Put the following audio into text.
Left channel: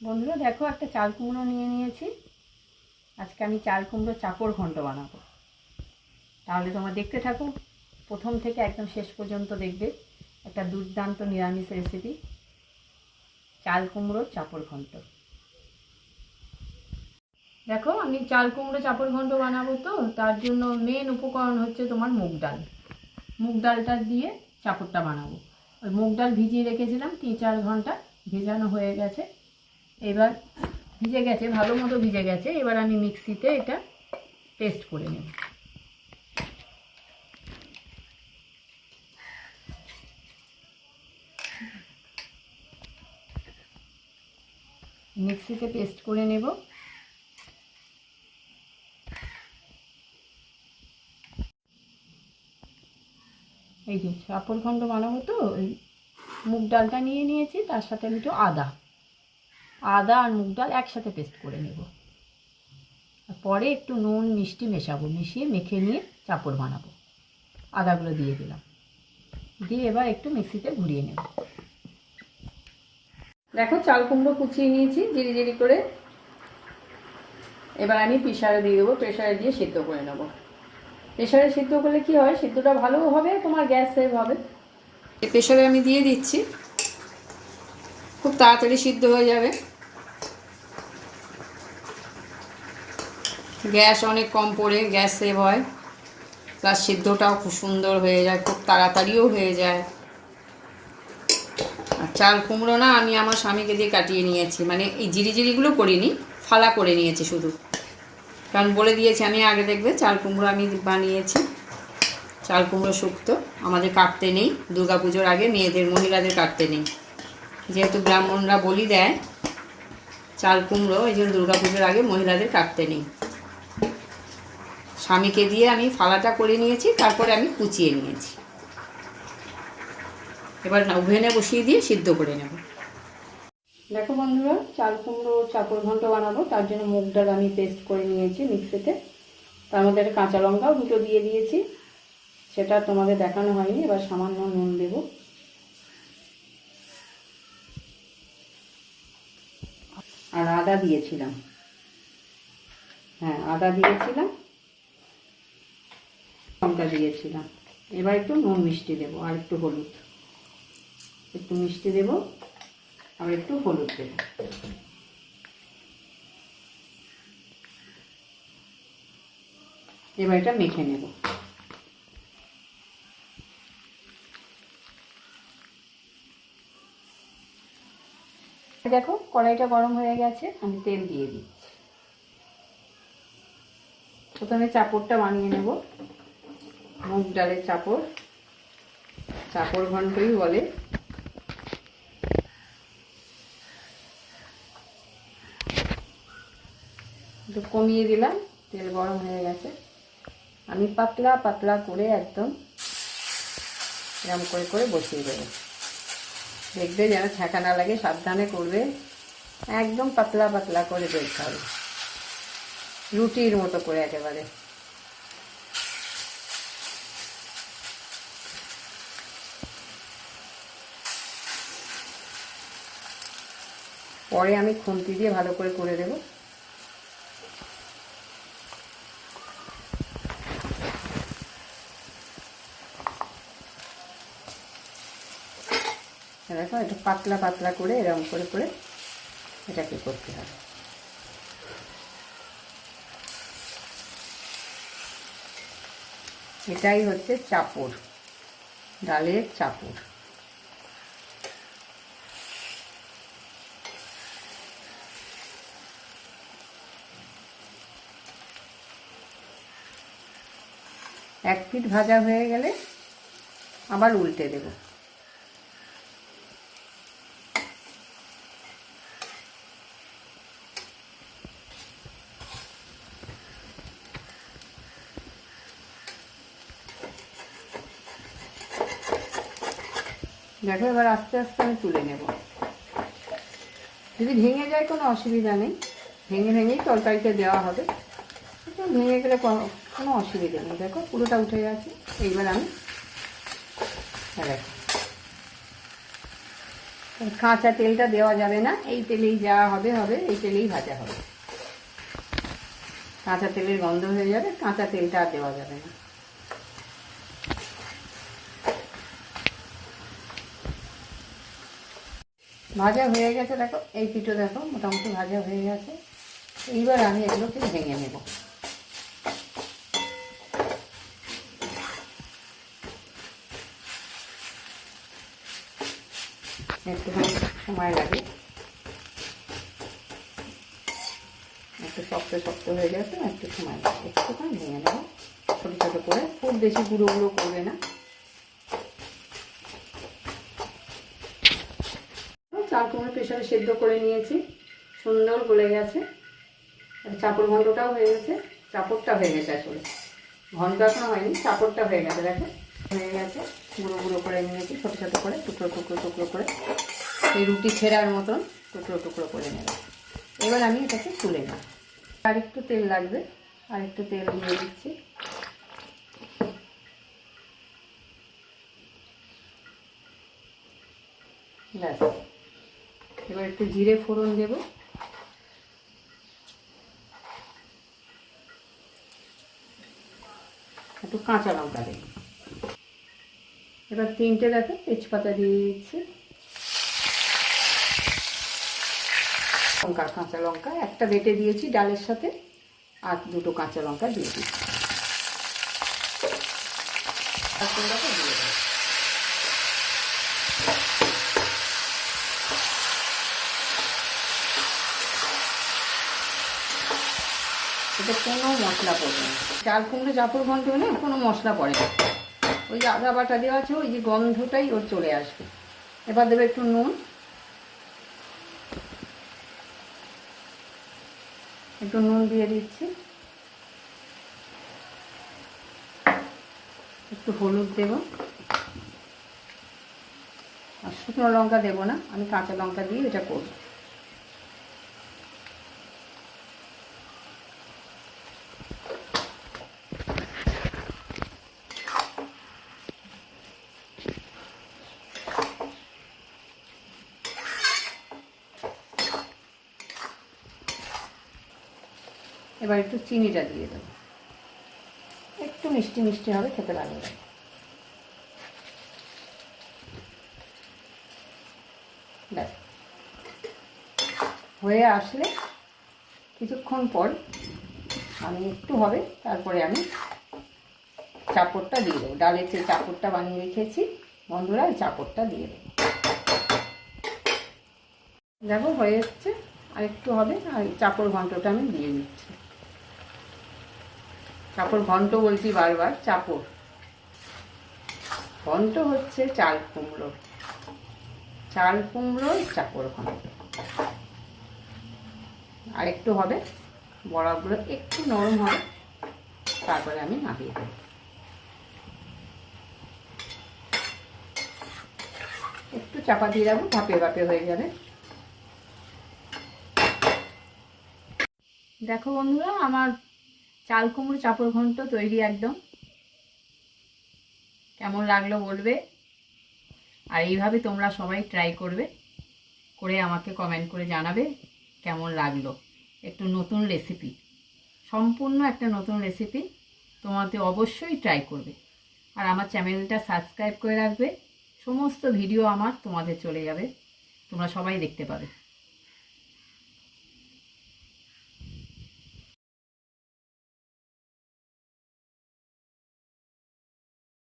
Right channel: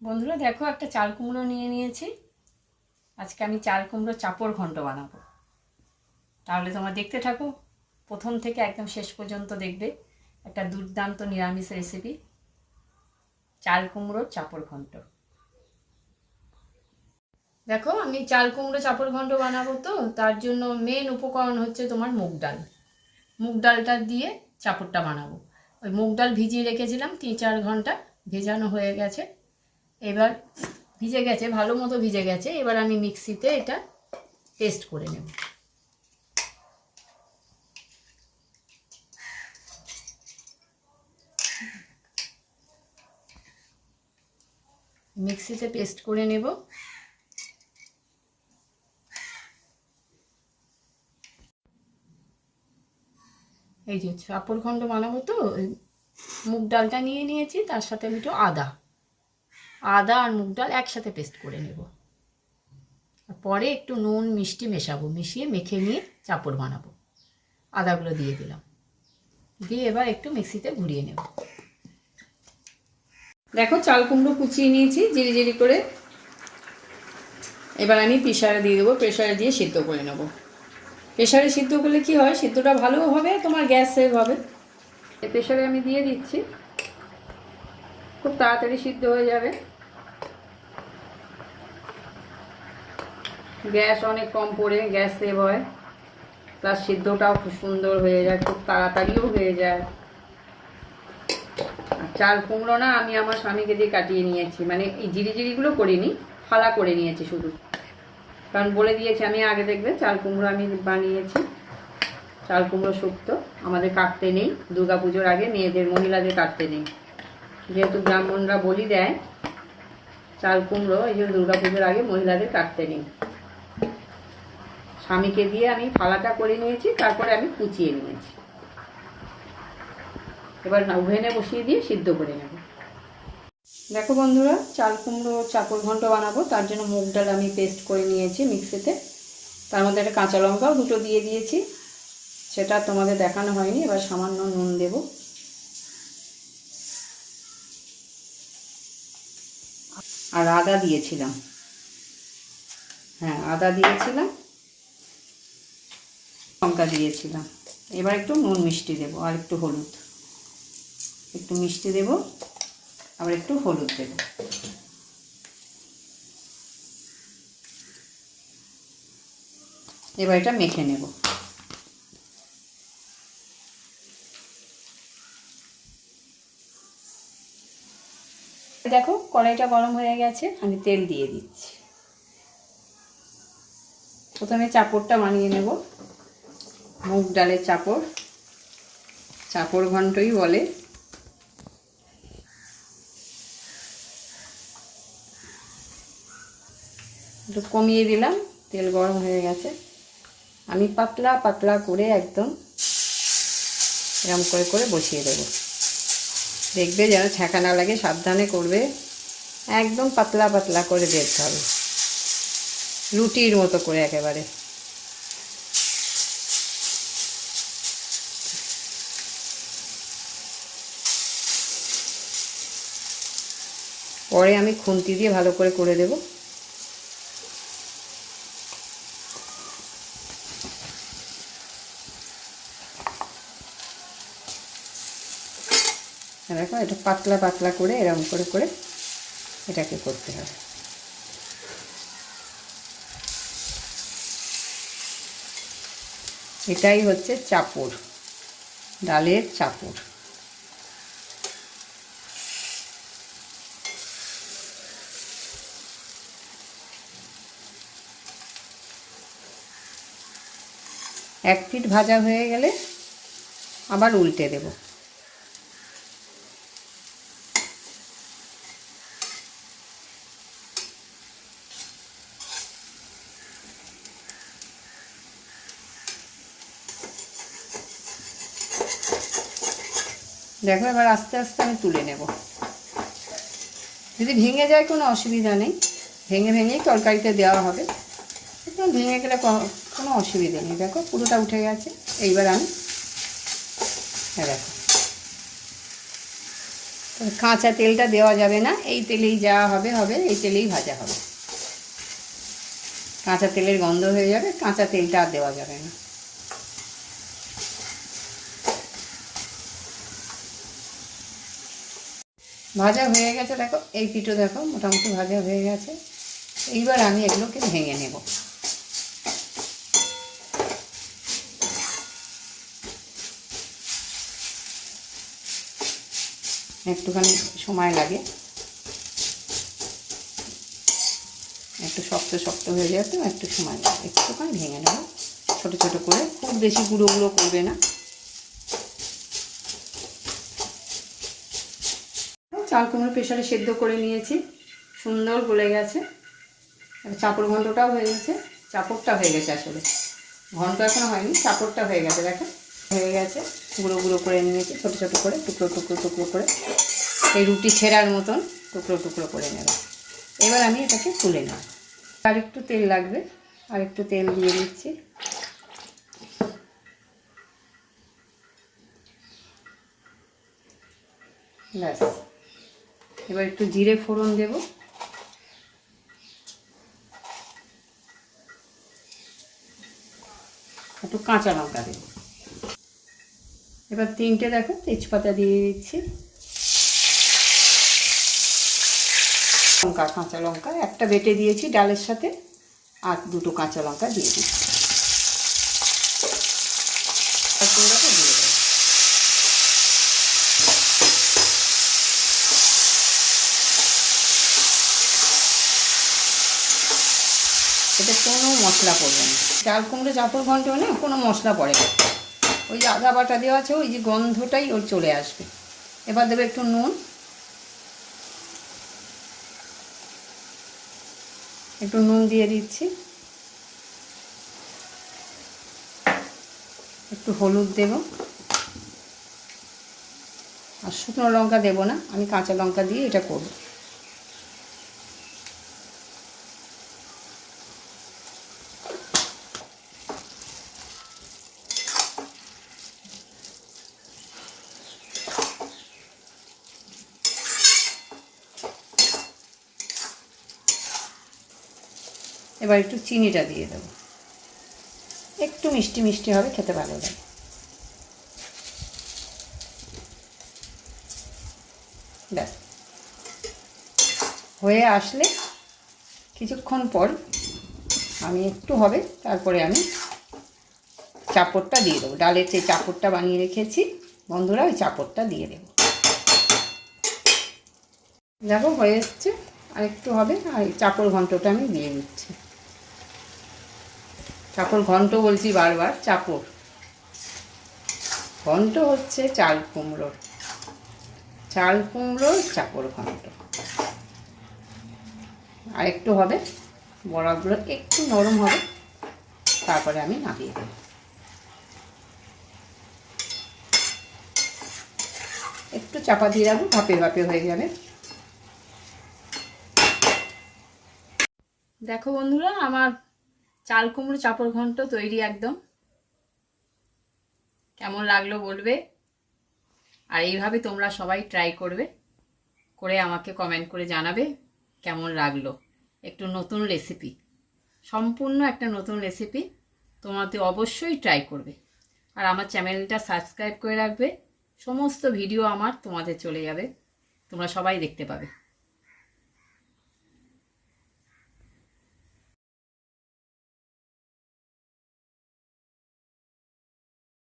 বন্ধুরা, দেখো একটা চাল কুমড়ো নিয়ে নিয়েছি। আজকে আমি চাল কুমড়ো চাপড় ঘন্ট বানাবো। তাহলে তোমার দেখতে থাকো, প্রথম থেকে একদম শেষ পর্যন্ত দেখবে একটা দুর্দান্ত নিরামিষ রেসিপি চাল কুমড়োর চাপড় ঘন্ট। দেখো, আমি চাল কুমড়ো চাপড় ঘন্ট বানাবো তো, তার জন্য মেন উপকরণ হচ্ছে তোমার মুগ ডাল। মুগ ডালটা দিয়ে চাপড়টা বানাবো। ওই মুগ ডাল ভিজিয়ে রেখেছিলাম, তিন চার ঘণ্টা ভেজানো হয়ে গেছে। এবার ভিজে গেছে, ভালো মতো ভিজে গেছে। এবার আমি মিক্সিতে এটা পেস্ট করে নেব। মিক্সিতে পেস্ট করে নেব। এই যে চাপড় খণ্ড বানাবো তো মুগ ডালটা নিয়ে নিয়েছি, তার সাথে আমি একটু আদা আদা আর মুগ ডাল একসাথে পেস্ট করে নেব। পরে একটু নুন, মিষ্টি মেশাবো, মিশিয়ে মেখে নিয়ে চাপড় বানাবো। আদাগুলো দিয়ে দিলাম। দিয়ে এবার একটু মিক্সিতে ঘুরিয়ে নেব। দেখো চাল কুমড়ো কুচিয়ে নিয়েছি, জিরি জিরি করে। এবার আমি প্রেশারে দিয়ে দেবো প্রেশারে দিয়ে সিদ্ধ করে নেব। প্রেশারে সিদ্ধ করলে কি হয়? সিদ্ধটা ভালো হবে, তোমার গ্যাস সেভ হবে। প্রেশারে আমি দিয়ে দিচ্ছি। খুব তাড়াতাড়ি সিদ্ধ হয়ে যাবে। গ্যাস অনেক কম পড়ে, গ্যাস সেভ হয়। প্লাস সিদ্ধটাও খুব সুন্দর হয়ে যায়, খুব তাড়াতাড়িও হয়ে যায়। আর চাল কুমড়ো না আমি আমার স্বামীকে দিয়ে কাটিয়ে নিয়েছি। মানে এই জিরি জিরিগুলো করিনি, ফালা করে নিয়েছি শুধু। কারণ বলে দিয়েছি আমি আগে দেখবে, চাল কুমড়ো আমি বানিয়েছি। চাল কুমড়ো শুক্তো, আমাদের কাটতে নেই, দুর্গা পুজোর আগে মেয়েদের, মহিলাদের কাটতে নেই। যেহেতু ব্রাহ্মণরা বলি দেয়, চাল কুমড়ো, এই জন্য দুর্গা পুজোর আগে মহিলাদের কাটতে নেই। স্বামীকে দিয়ে আমি ফালাটা করে নিয়েছি, তারপরে আমি কুচিয়ে নিয়েছি। এবার ওভেনে বসিয়ে দিয়ে সিদ্ধ করে নেব। দেখো বন্ধুরা, চাল কুমড়ো চাপড় ঘন্ট বানাবো, তার জন্য মুগ ডাল আমি পেস্ট করে নিয়েছি মিক্সিতে তার মধ্যে একটা কাঁচা লঙ্কাও দুটো দিয়ে দিয়েছি। সেটা তোমাদের দেখানো হয়নি, এবার সামান্য নুন দেব। আর আদা দিয়েছিলাম। হ্যাঁ আদা দিয়েছিলাম। লঙ্কা দিয়েছিলাম। এবার একটু নুন মিষ্টি দেবো আর একটু হলুদ। একটু মিষ্টি দেব, আবার একটু হলুদ দেব। এবার এটা মেখে নেব। দেখো, কড়াইটা গরম হয়ে গেছে, আমি তেল দিয়ে দিচ্ছি। প্রথমে চাপড়টা বানিয়ে নেব। মুগ ডালের চাপড়। চাপড় ঘন্টই বলে। একটু কমিয়ে দিলাম, তেল গরম হয়ে গেছে। আমি পাতলা পাতলা করে একদম এরম করে করে বসিয়ে দেবো। দেখবে যেন ছ্যাঁকা না লাগে, সাবধানে করবে। একদম পাতলা পাতলা করে দেখতে হবে। রুটির মতো করে একেবারে। পরে আমি খুন্তি দিয়ে ভালো করে করে দেব। দেখো এটা পাতলা পাতলা করে এরকম করে করে এটাকে করতে হবে। এটাই হচ্ছে চাপড়, ডালের চাপড়। এক পিঠ ভাজা হয়ে গেলে আবার উল্টে দেব। দেখো এবার আস্তে আস্তে আমি তুলে নেব। যদি ভেঙে যায় কোনো অসুবিধা নেই, ভেঙে ভেঙেই তরকারিতে দেওয়া হবে। ভেঙে গেলে কোনো অসুবিধা নেই। দেখো, পুরোটা উঠে গেছে। এইবার আমি দেখো। কাঁচা তেলটা দেওয়া যাবে না। এই তেলেই যা হবে হবে, এই তেলেই ভাজা হবে। কাঁচা তেলের গন্ধ হয়ে যাবে, কাঁচা তেলটা আর দেওয়া যাবে না। ভাজা হয়ে গেছে, দেখো। এই পিঠো দেখো, মোটামুটি ভাজা হয়ে গেছে। এইবার আমি এগুলোকে ভেঙে নেব। একটুখানি সময় লাগে। একটু শক্ত শক্ত হয়ে যাবে একটু সময় লাগে। একটুখানি ভেঙে নেব। ছোটো ছোটো করে। খুব বেশি গুঁড়ো গুঁড়ো করবে না। চাল কুমড়ো প্রেশারে সেদ্ধ করে নিয়েছি। সুন্দর গলে গেছে। চাপড় ঘন্টটাও হয়ে গেছে। চাপড়টা হয়ে গেছে আসলে। ঘন্ট এখন হয়নি, চাপড়টা হয়ে গেছে দেখো হয়ে গেছে। গুঁড়ো গুঁড়ো করে নিয়েছি ছোটো ছোটো করে, টুকরো টুকরো টুকরো করে এই রুটি ছেঁড়ার মতন টুকরো টুকরো করে নেব। এবার আমি এটাকে তুলে নেব। আর একটু তেল লাগবে, আর একটু তেল দিয়ে দিচ্ছি। ব্যাস। এবার একটু জিরে ফোড়ন দেব। একটু কাঁচা লঙ্কা দেব। এবার তিনটে দেখো, তেজপাতা দিয়ে দিচ্ছি। লঙ্কা, কাঁচা লঙ্কা, একটা বেটে দিয়েছি ডালের সাথে, আর দুটো কাঁচা লঙ্কা দিয়ে দিচ্ছি। কোনো মশলা পড়বে না। চাল কুমড়ো যত ঘন্ট মানে কোনো মশলা পড়ে না। ওই যে আদা বাটা দেওয়া আছে, ওই যে গন্ধটাই ওর চলে আসবে। এবার দেবে একটু নুন। একটু নুন দিয়ে দিচ্ছি। একটু হলুদ দেব। আর শুকনো লঙ্কা দেবো না, আমি কাঁচা লঙ্কা দিয়ে এটা করব। এবার একটু চিনিটা দিয়ে দেবো। একটু মিষ্টি মিষ্টি হবে, খেতে ভালো লাগে। ব্যাস। হয়ে আসলে কিছুক্ষণ পর আমি একটু হবে, তারপরে আমি চাপড়টা দিয়ে দেবো। ডালের যে চাপড়টা বানিয়ে রেখেছি, বন্ধুরা ওই চাপড়টা দিয়ে দেবো। দেখো, হয়ে এসছে। আর একটু হবে, আর চাপড় ঘন্টটা আমি দিয়ে দিচ্ছি। চাপড় ঘন্ট বলছি বারবার চাপড় ঘন্ট হচ্ছে চাল কুমড়োর চাল কুমড়োর চাপড় ঘন্ট। আর একটু হবে বড়াগুলো একটু নরম হবে, তারপরে আমি নামিয়ে দেব। একটু চাপা দিয়ে রাখব, ভাপে ভাপে হয়ে যাবে। দেখো বন্ধুরা, আমার চাল কুমড়ো চাপড় ঘন্ট তৈরি একদম। কেমন লাগল বলবে? আর এইভাবে তোমরা সবাই ট্রাই করবে, করে আমাকে কমেন্ট করে জানাবে কেমন লাগল। একটু নতুন রেসিপি সম্পূর্ণ একটা নতুন রেসিপি তোমাদের অবশ্যই ট্রাই করবে। আর আমার চ্যানেলটা সাবস্ক্রাইব করে রাখবে, সমস্ত ভিডিও আমার তোমাদের চলে যাবে, তোমরা সবাই দেখতে পাবে।